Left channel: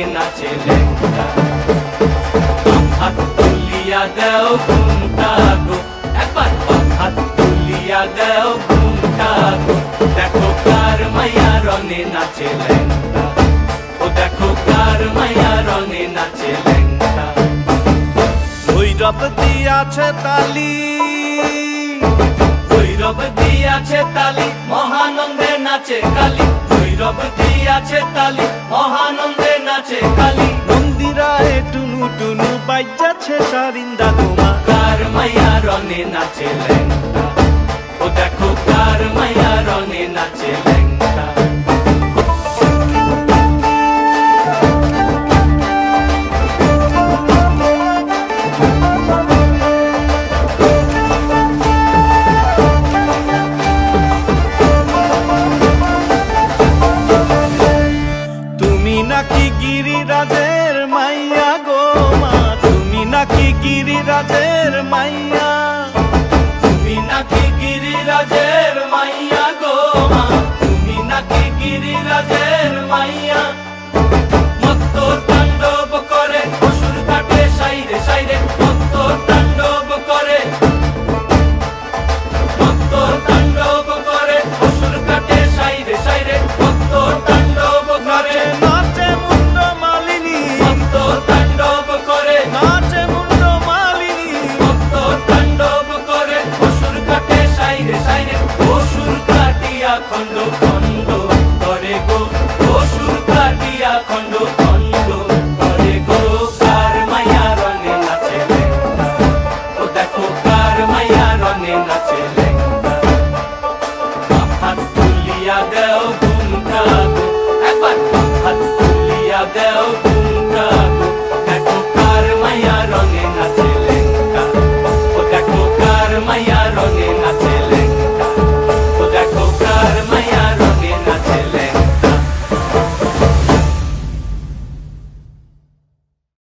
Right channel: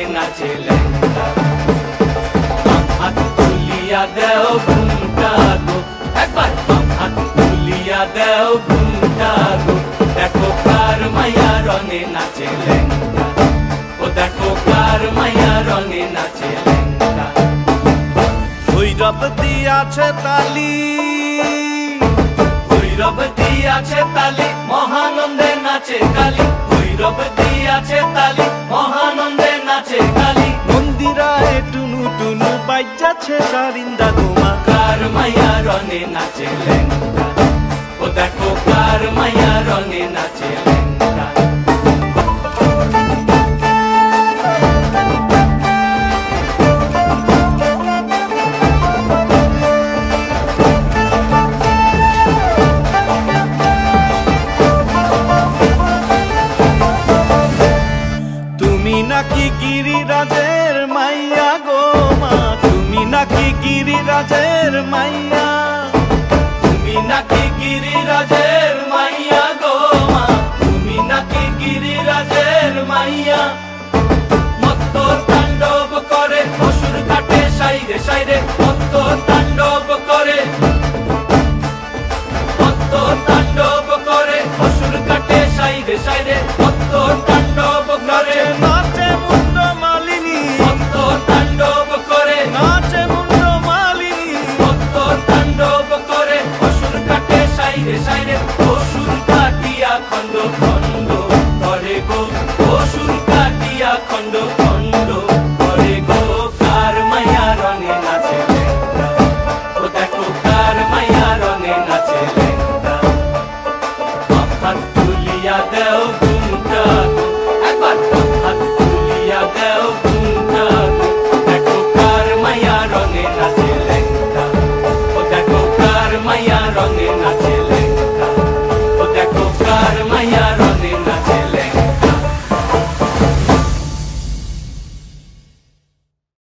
রনে নাচে লেঙ্গা। হাত তুলিয়া দেও ঘুমটা গো, একবার হাত তুলিয়া দেও ঘুমটা গো, দেখো কার মাইয়া রনে নাচে লেঙ্গা, ও দেখো কার মাইয়া রনে নাচে লেঙ্গা। ভৈরব দিয়াছে তালি, ভৈরব দিয়াছে তালি, মহানন্দে নাচে কালী। ভৈরব দিয়াছে তালি, মহানন্দে নাচে কালী। মন্দিরায় টুনু টুনু বাজ্যাছে সারিন্দা গোমা, কার মাইয়া রনে নাচে লেঙ্গা, ও দেখো কার মাইয়া রনে নাচে লেঙ্গা। তুমি নাকি গিরিরাজের মাইয়া গো মা, তুমি নাকি গিরিরাজের মাইয়া, তুমি নাকি গিরিরাজের